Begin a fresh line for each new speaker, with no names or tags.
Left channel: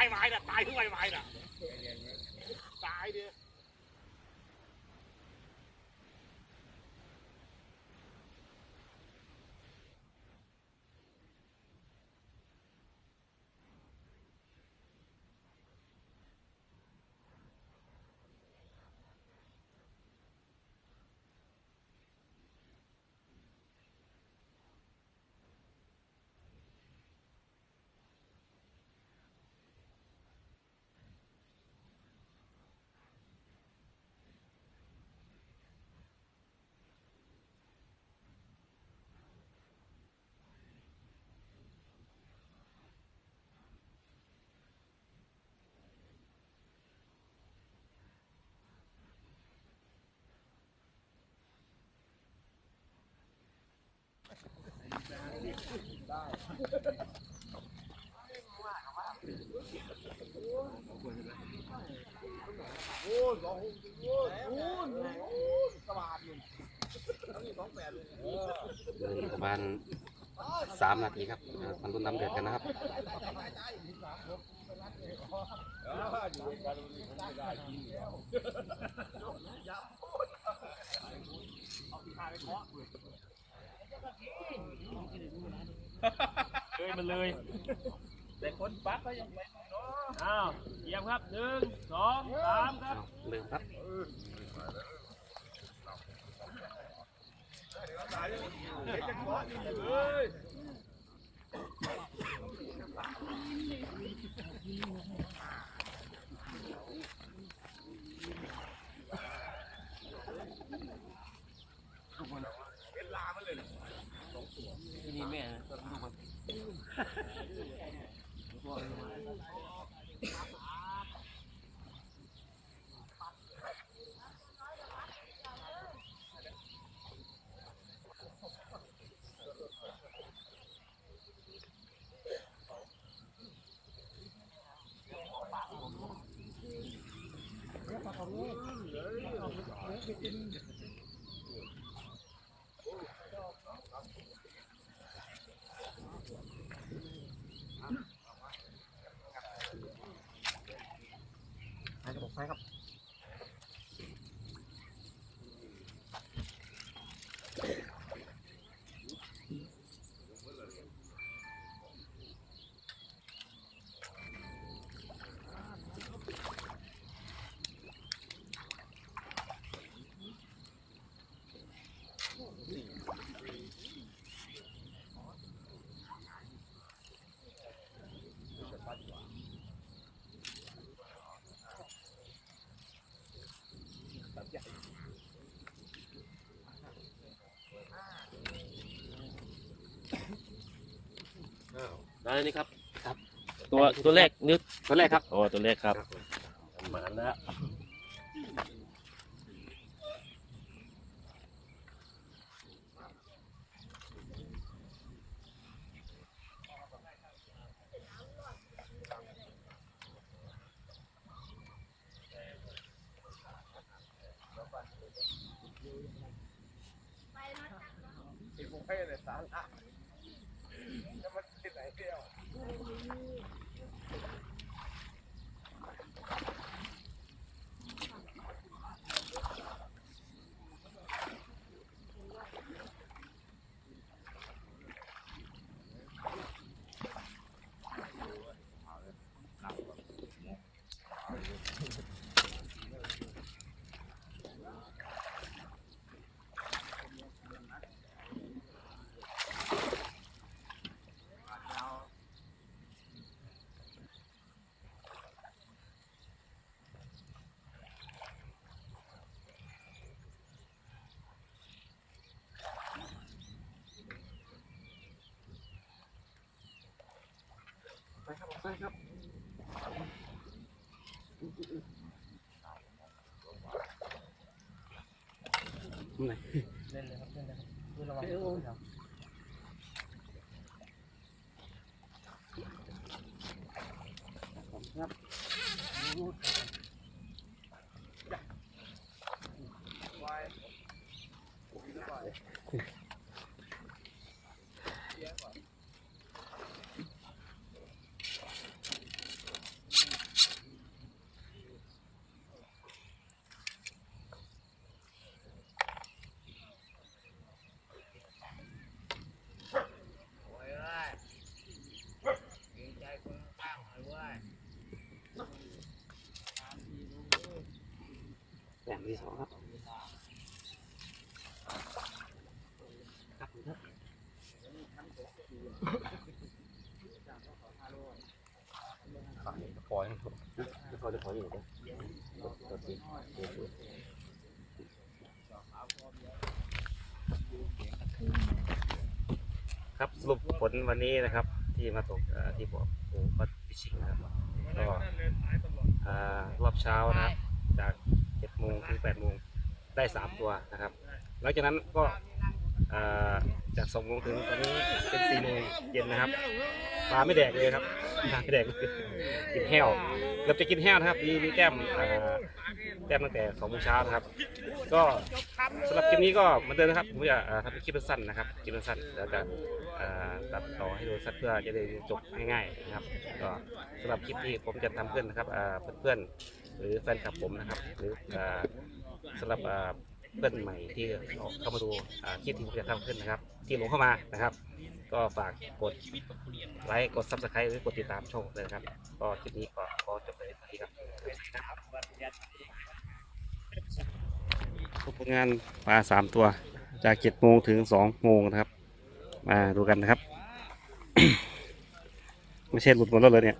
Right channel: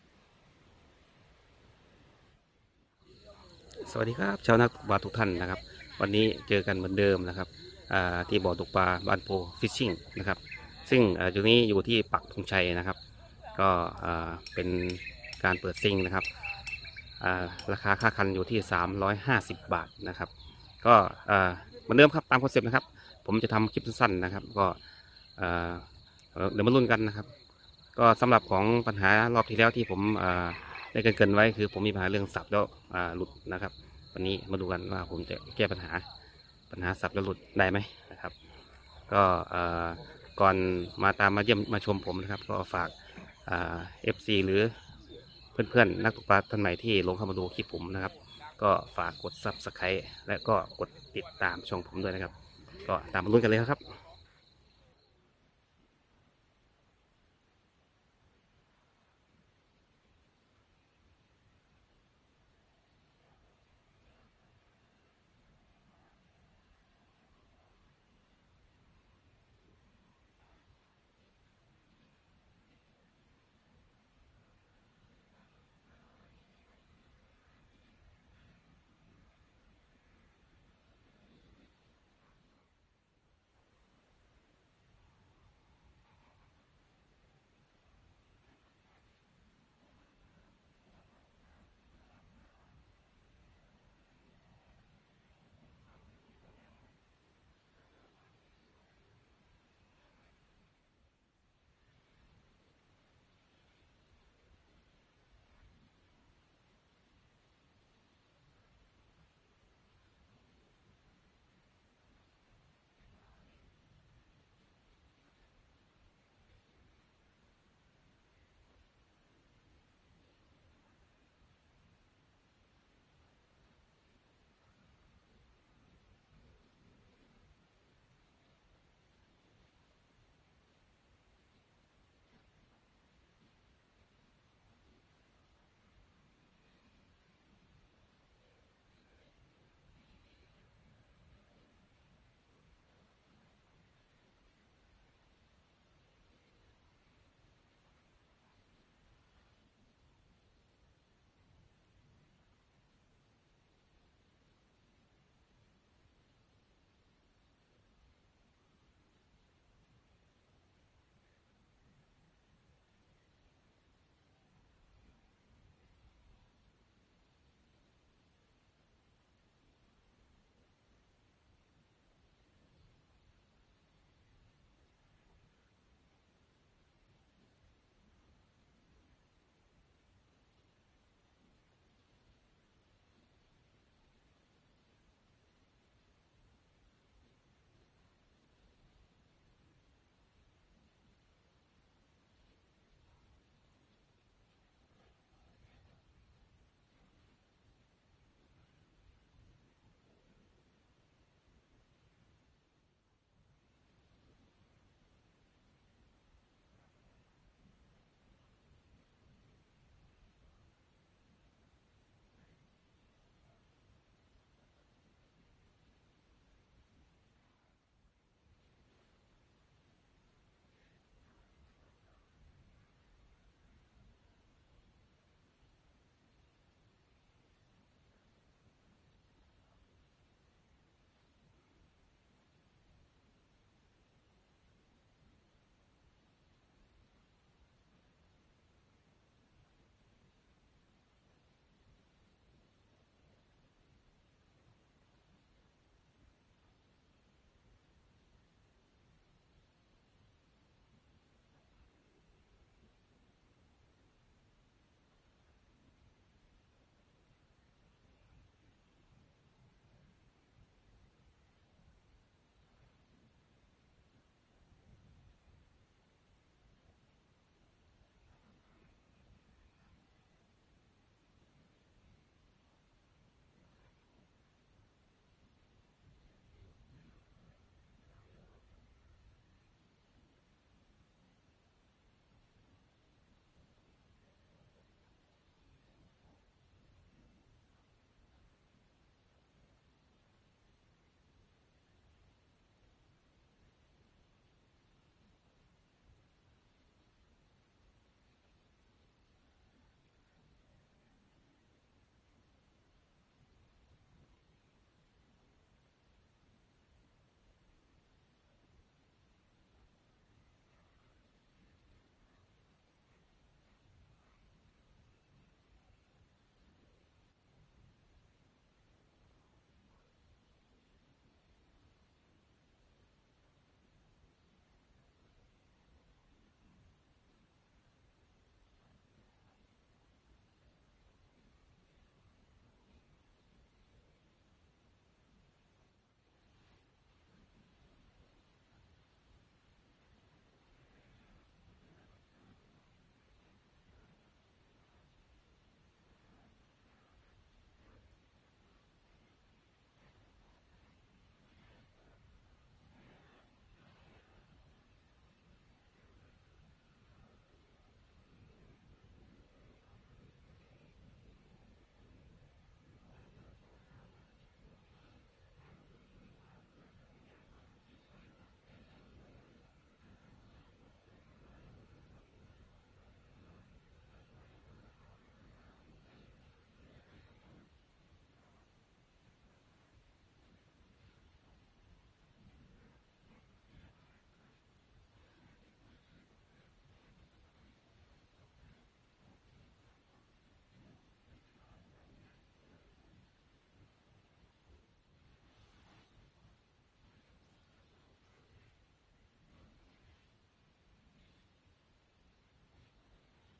ายไม้น่ะตายทุกใบไม้น่ะตายเดียว
สวัสดีครับชาวนักปลาทุกท่านนะครับ วันนี้เจอกันเหมือนเดิมนะครับที่บ่อตกปลาบ้านโพฟิชชิ่งนะครับ ซึ่งจุดนี้อยู่ที่ปักธงชัยนะครับ ก็เป็นการเปิดซิงนะครับราคาค่าคันอยู่ที่ 350 บาทนะครับ ก็เหมือนเดิมครับตามคอนเซ็ปต์นะครับ ผมจะทำคลิปสั้นๆนะครับ ก็เดี๋ยวมาลุ้นกันนะครับ ก็สำหรับของปัญหารอบที่แล้วที่ผมได้เกรินๆไว้คือผมมีปัญหาเรื่องสับแล้วหลุดนะครับ วันนี้มาดูกันว่าผมจะแก้ปัญหาปัญหาสับแล้วหลุดได้ไหมนะครับ ก็ก่อนมาตามมาเยี่ยมมาชมผมนะครับ ก็ฝากเอฟซีหรือเพื่อนๆนักตกปลาท่านใหม่ที่ลงเข้ามาดูคลิปผมนะครับ ก็ฝากกด subscribe และก็กดติดตามช่องผมด้วยนะครับ ก็ตามมาลุ้นกันเลยครับ ประมาณสามนาทีครับมันรุ่นน้ำเดือดกันนะครับ
เลยมันเลย แต่คนปักก็ยังไม่อ้าวเยี่ยมครับหนึ่งสองสามครับ
เอาเริ่มครับ
นี่
ได้นี่ครับครับ ตัวตัวแรกนึก
ตัวแรกครับ
โอ้ตัวแรกครับหมาแล้ว
ไไหน
เล่นเลยครับเล่นเลยครับดูระวัง
ที่สองครับปล่อยเขาจะปล่อยอยู่นะครับสรุปผลวันนี้นะครับ ที่มาตกที่บอกโอ้ก็พิชิงนะครับก็รอบเช้านะครับจาก โมงถึงแปดโมงได้สามตัวนะครับหลังจากนั้นก็อ่าจากสองโมงถึงตอนนี้เป็นสี่โมงเย็นนะครับปลาไม่แดกเลยครับปลาไม่แดกเลยกินแห้วเกือบจะกินแห้วนะครับมีมีแก้มอ่าแก้มตั้งแต่สองโมงเช้านะครับ ก็สำหรับคลิปนี้ก็เหมือนเดิมนะครับผมจะอ่าทำเป็นคลิปสั้นๆนะครับคลิปสั้นๆแล้วจะอ่าตัดต่อให้ดูสั้นเพื่อจะได้จบง่ายๆนะครับก็สำหรับคลิปที่ผมจะทำขึ้นนะครับอ่าเพื่อนๆ หรือแฟนคลับผมนะครับ หรืออ่าสำหรับอ่าเพื่อนใหม่ที่เข้ามาดูอ่าคลิปที่ผมจะทำขึ้นนะครับ ที่หลงเข้ามานะครับ ก็ฝากกดไลค์กดซับสไครต์หรือกดติดตามช่องเลยนะครับ ก็คลิปนี้ก็ขอจบเลยสวัสดีครับผลงานปลาสามตัว จากเจ็ดโมงถึงสองโมงนะครับ มาดูกันนะครับ ไม่ใช่หลุดหมดแล้วเลยเนี่ย